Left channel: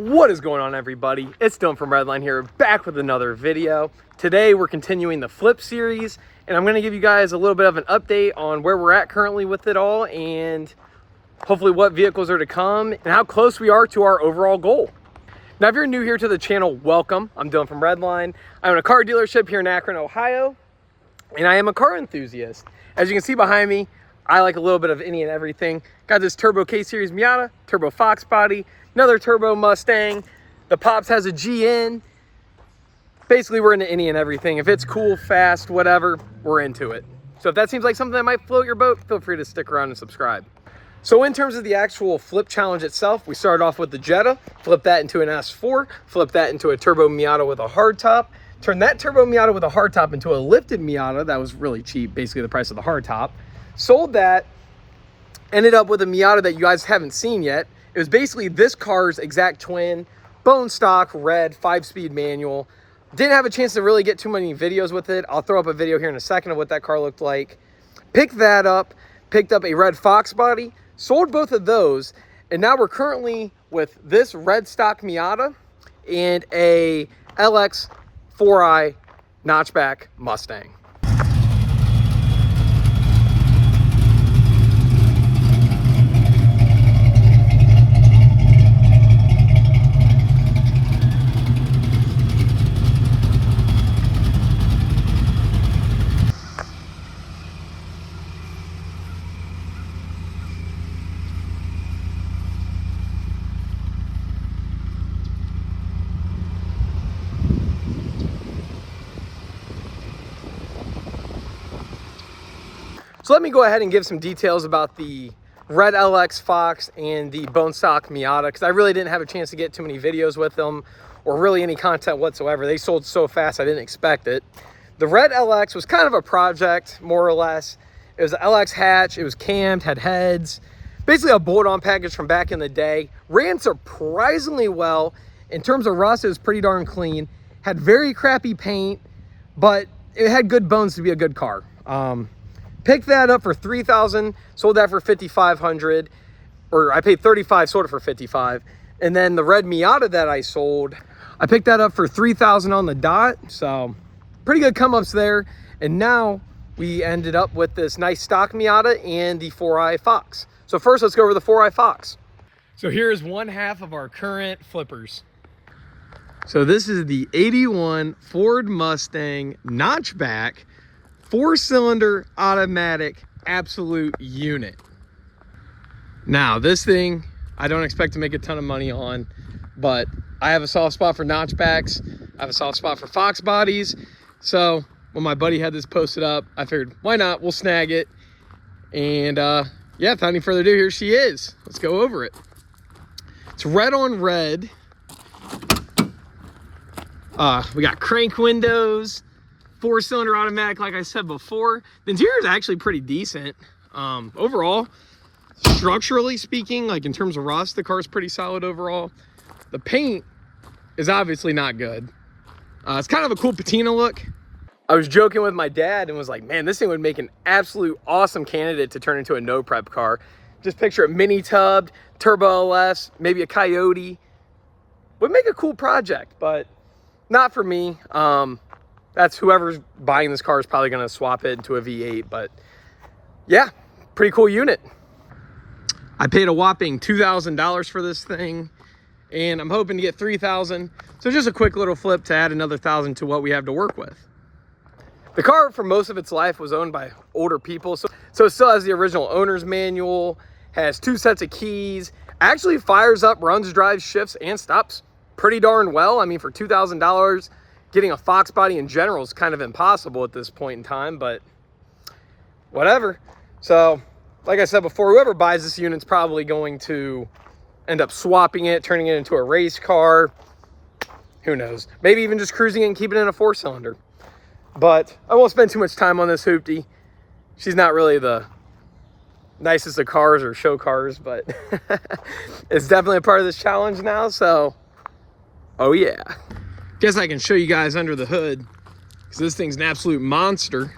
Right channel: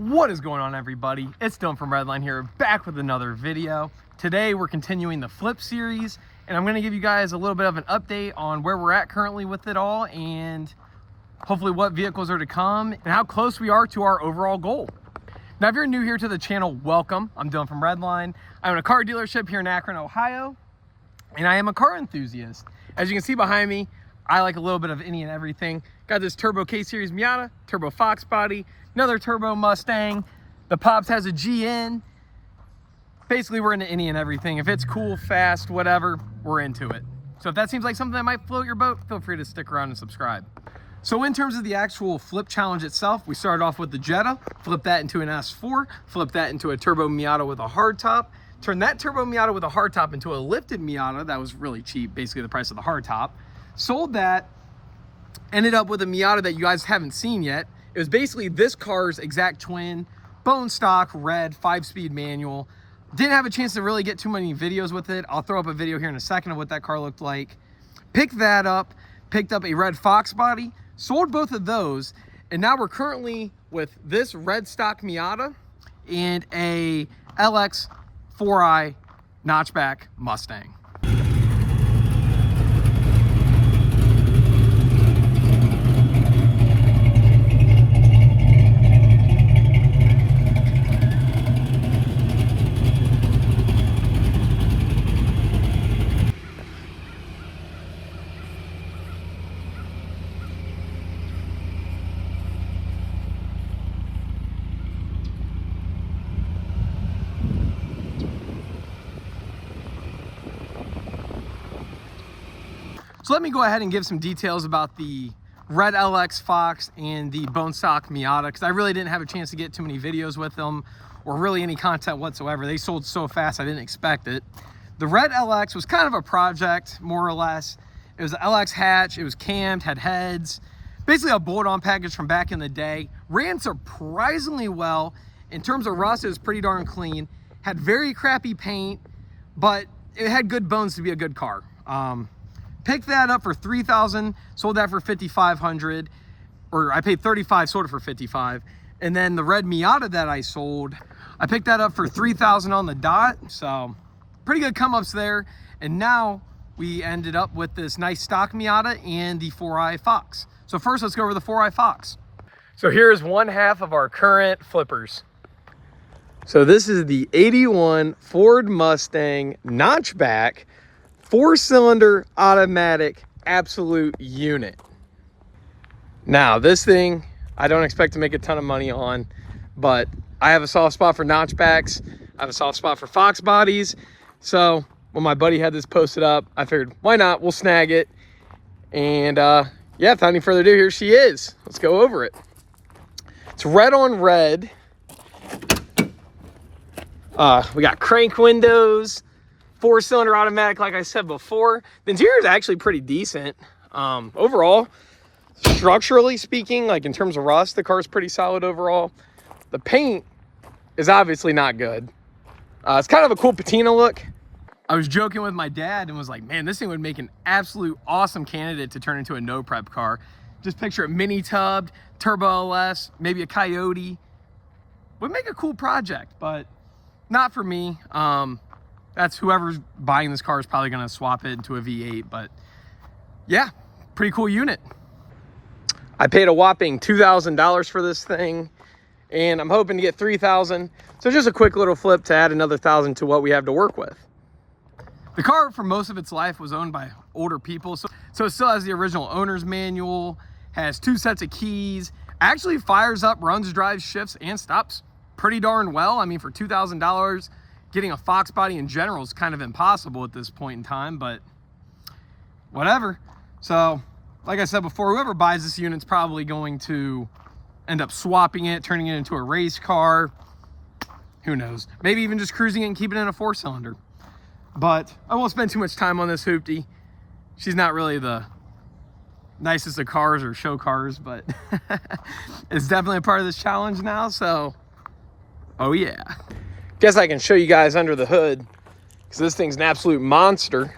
What is going on, everybody? It's Dylan from Redline here, back with another video. Today we're continuing the flip series, and I'm going to give you guys a little bit of an update on where we're at currently with it all, and hopefully what vehicles are to come and how close we are to our overall goal. Now, if you're new here to the channel, welcome. I'm Dylan from Redline. I own a car dealership here in Akron, Ohio, and I am a car enthusiast. As you can see behind me, I like a little bit of any and everything. Got this turbo K-Series Miata, turbo Foxbody, another turbo Mustang. The Pops has a GN. Basically, we're into any and everything. If it's cool, fast, whatever, we're into it. So if that seems like something that might float your boat, feel free to stick around and subscribe. So in terms of the actual flip challenge itself, we started off with the Jetta, flipped that into an S4, flipped that into a turbo Miata with a hardtop, turned that turbo Miata with a hardtop into a lifted Miata that was really cheap, basically the price of the hardtop, sold that, ended up with a Miata that you guys haven't seen yet. It was basically this car's exact twin, bone stock, red, 5-speed manual. Didn't have a chance to really get too many videos with it. I'll throw up a video here in a second of what that car looked like. Picked that up, picked up a red Foxbody, sold both of those, and now we're currently with this red stock Miata and a LX 4i notchback Mustang. So let me go ahead and give some details about the red LX Fox and the bone stock Miata, because I really didn't have a chance to get too many videos with them or really any content whatsoever. They sold so fast I didn't expect it. The red LX was kind of a project, more or less. It was an LX hatch, it was cammed, had heads, basically a bolt-on package from back in the day. Ran surprisingly well. In terms of rust, it was pretty darn clean. Had very crappy paint, but it had good bones to be a good car. Picked that up for $3,000, sold that for $5,500, or I paid $35, sold it for $55. And then the red Miata that I sold, I picked that up for $3,000 on the dot. So pretty good come ups there. And now we ended up with this nice stock Miata and the 4i Fox. So first, let's go over the 4i Fox. So here's one half of our current flippers. So this is the 81 Ford Mustang notchback, 4-cylinder automatic absolute unit. Now this thing I don't expect to make a ton of money on, but I have a soft spot for notchbacks. I have a soft spot for Fox bodies. So when my buddy had this posted up, I figured why not, we'll snag it. And yeah, without any further ado, here she is. Let's go over it. It's red on red. We got crank windows, 4-cylinder automatic, like I said before. The interior is actually pretty decent. Overall, structurally speaking, like in terms of rust, the car is pretty solid overall. The paint is obviously not good. It's kind of a cool patina look. I was joking with my dad and was like, man, this thing would make an absolute awesome candidate to turn into a no prep car. Just picture it mini tubbed, turbo LS, maybe a Coyote. Would make a cool project, but not for me. That's whoever's buying this car is probably going to swap it into a V8, but yeah, pretty cool unit. I paid a whopping $2,000 for this thing, and I'm hoping to get $3,000. So just a quick little flip to add another $1,000 to what we have to work with. The car, for most of its life, was owned by older people, so it still has the original owner's manual, has 2 sets of keys, actually fires up, runs, drives, shifts, and stops pretty darn well. I mean, for $2,000, getting a Fox body in general is kind of impossible at this point in time, but whatever. So, like I said before, whoever buys this unit's probably going to end up swapping it, turning it into a race car. Who knows? Maybe even just cruising it and keeping it in a 4-cylinder. But I won't spend too much time on this hoopty. She's not really the nicest of cars or show cars, but it's definitely a part of this challenge now, so oh yeah. Guess I can show you guys under the hood, because this thing's an absolute monster.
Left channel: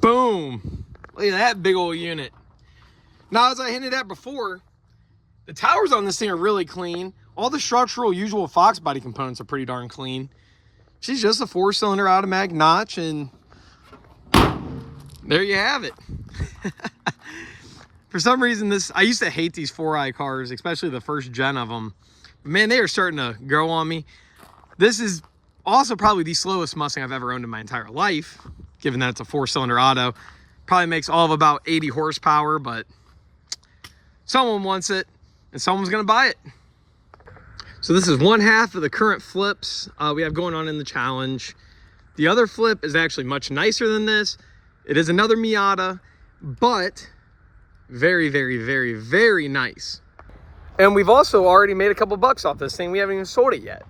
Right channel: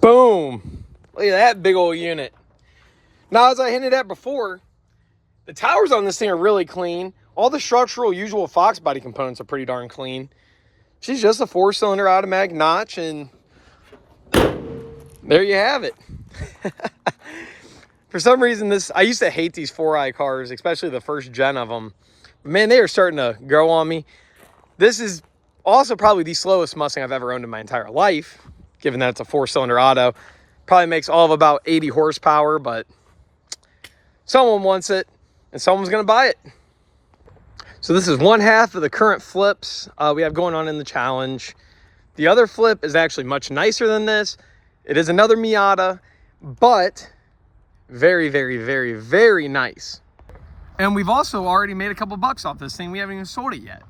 Boom. Look at that big old unit. Now, as I hinted at before, the towers on this thing are really clean. All the structural usual Foxbody components are pretty darn clean. She's just a 4-cylinder automatic notch, and there you have it. For some reason, I used to hate these 4i cars, especially the first gen of them. Man, they are starting to grow on me. This is also probably the slowest Mustang I've ever owned in my entire life, given that it's a 4-cylinder auto. Probably makes all of about 80 horsepower, but someone wants it, and someone's gonna buy it. So this is one half of the current flips we have going on in the challenge. The other flip is actually much nicer than this. It is another Miata, but very, very, very, very nice. And we've also already made a couple bucks off this thing. We haven't even sold it yet.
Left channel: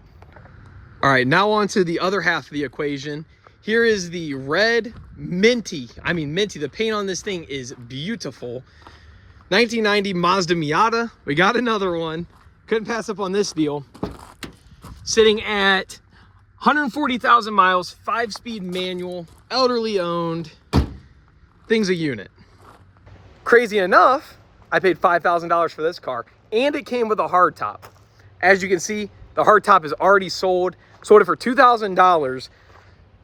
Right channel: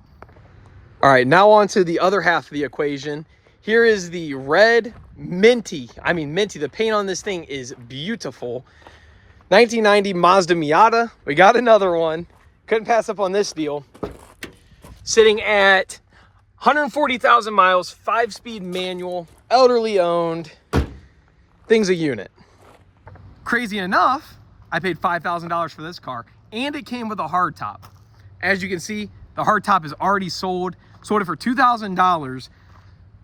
All right, now on to the other half of the equation. Here is the red minty. I mean minty, the paint on this thing is beautiful. 1990 Mazda Miata. We got another one. Couldn't pass up on this deal. Sitting at 140,000 miles, 5-speed manual, elderly owned. Thing's a unit. Crazy enough, I paid $5,000 for this car, and it came with a hardtop. As you can see, the hardtop is already sold. Sold it for $2,000.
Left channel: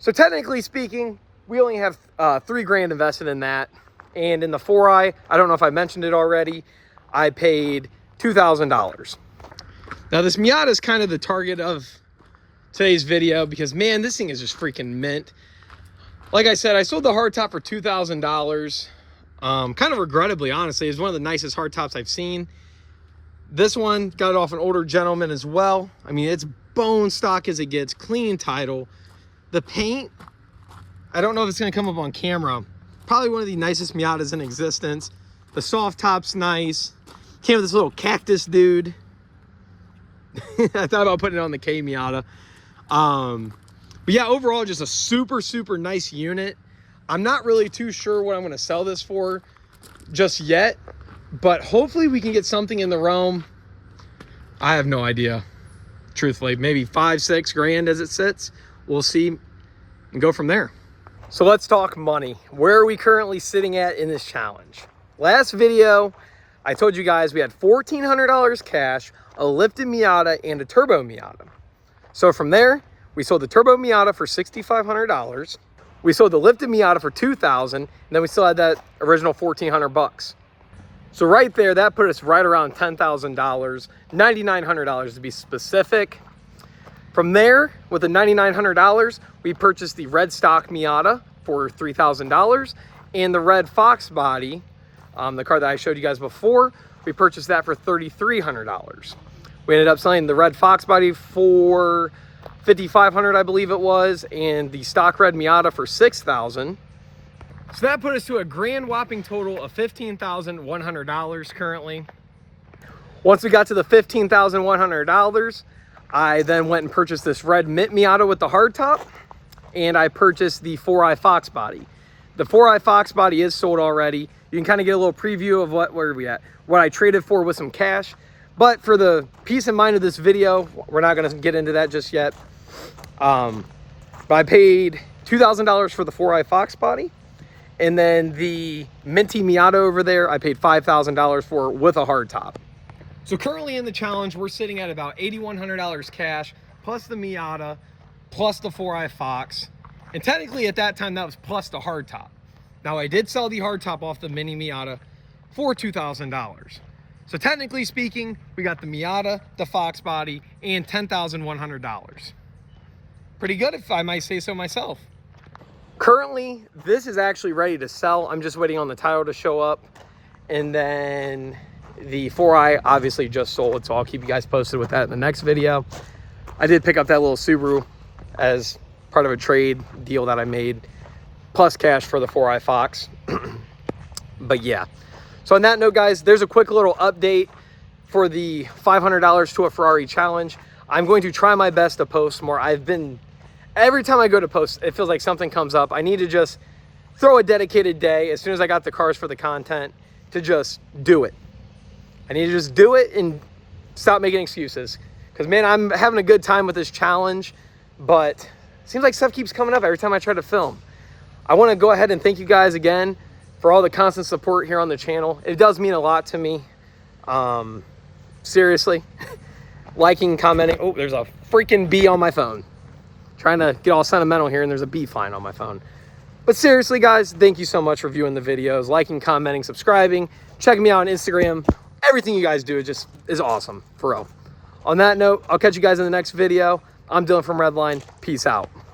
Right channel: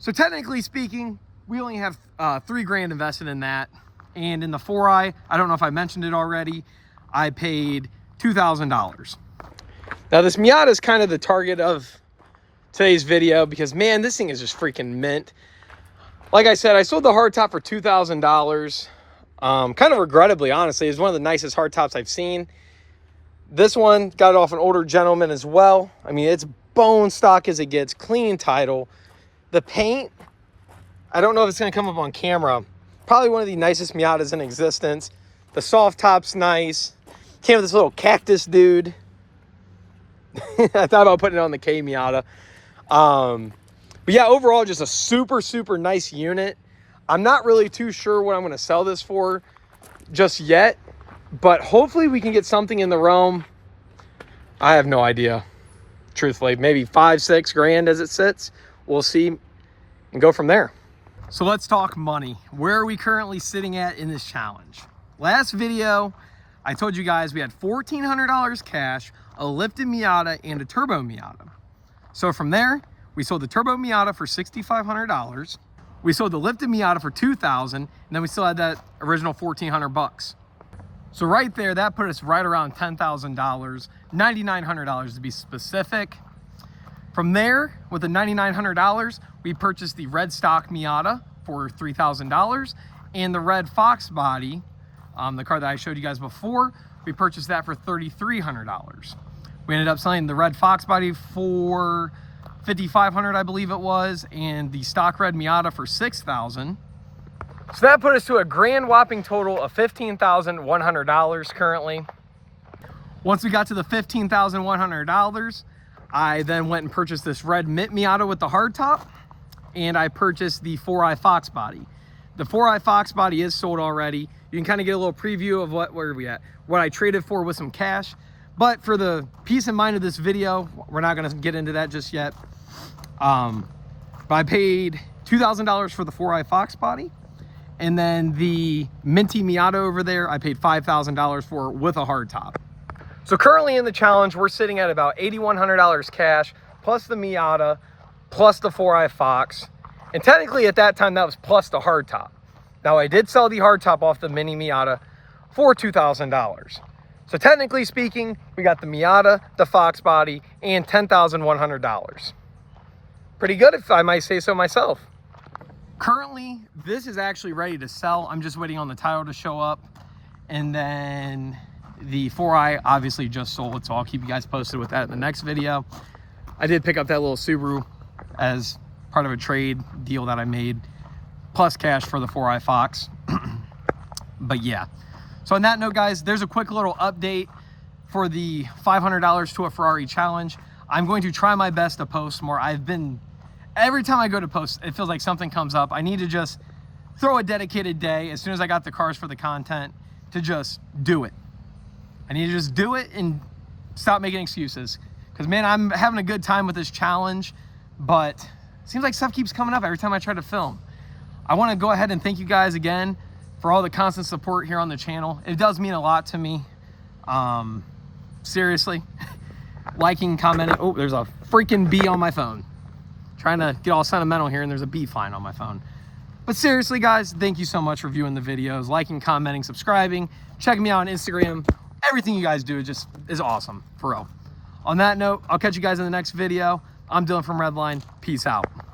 So technically speaking, we only have $3 grand invested in that. And in the 4i, I don't know if I mentioned it already, I paid $2,000. Now this Miata is kind of the target of today's video because, man, this thing is just freaking mint. Like I said, I sold the hardtop for $2,000. Kind of regrettably, honestly. It's one of the nicest hardtops I've seen. This one got it off an older gentleman as well. I mean, it's bone stock as it gets, clean title. The paint, I don't know if it's gonna come up on camera. Probably one of the nicest Miatas in existence. The soft top's nice. Came with this little cactus dude. I thought about putting it on the K Miata. But yeah, overall, just a super, super nice unit. I'm not really too sure what I'm gonna sell this for just yet, but hopefully we can get something in the realm. I have no idea, truthfully. Maybe 5-6 grand as it sits. We'll see and go from there. So let's talk money. Where are we currently sitting at in this challenge? Last video, I told you guys we had $1,400 cash, a lifted Miata, and a turbo Miata. So from there, we sold the turbo Miata for $6,500. We sold the lifted Miata for $2,000, and then we still had that original $1,400 bucks. So right there, that put us right around $10,000, $9,900 to be specific. From there, with the $9,900, we purchased the red stock Miata for $3,000, and the red Foxbody, the car that I showed you guys before, we purchased that for $3,300. We ended up selling the red Foxbody for $5,500, I believe it was, and the stock red Miata for $6,000. So that put us to a grand whopping total of $15,100 currently. Once we got to the $15,100, I then went and purchased this red mint Miata with the hardtop, and I purchased the 4i Foxbody. The 4i Foxbody is sold already. You can kind of get a little preview of where are we at, what I traded for with some cash. But for the peace of mind of this video, we're not going to get into that just yet. But I paid $2,000 for the 4i Foxbody. And then the minty Miata over there, I paid $5,000 for with a hardtop. So currently in the challenge, we're sitting at about $8,100 cash, plus the Miata, plus the 4i Fox. And technically at that time, that was plus the hardtop. Now I did sell the hardtop off the mini Miata for $2,000. So technically speaking, we got the Miata, the Foxbody, and $10,100. Pretty good, if I might say so myself. Currently, this is actually ready to sell. I'm just waiting on the title to show up. And then the 4i obviously just sold, so I'll keep you guys posted with that in the next video. I did pick up that little Subaru as part of a trade deal that I made, plus cash for the 4i Fox. But yeah. So on that note, guys, there's a quick little update for the $500 to a Ferrari challenge. I'm going to try my best to post more. Every time I go to post, it feels like something comes up. I need to just throw a dedicated day as soon as I got the cars for the content to just do it. I need to just do it and stop making excuses. Because, man, I'm having a good time with this challenge, but it seems like stuff keeps coming up every time I try to film. I want to go ahead and thank you guys again for all the constant support here on the channel. It does mean a lot to me. Seriously. liking, commenting. Oh, there's a freaking bee on my phone. Trying to get all sentimental here, and there's a bee flying on my phone. But seriously, guys, thank you so much for viewing the videos, liking, commenting, subscribing, checking me out on Instagram. Everything you guys do is awesome, for real. On that note, I'll catch you guys in the next video. I'm Dylan from Redline. Peace out.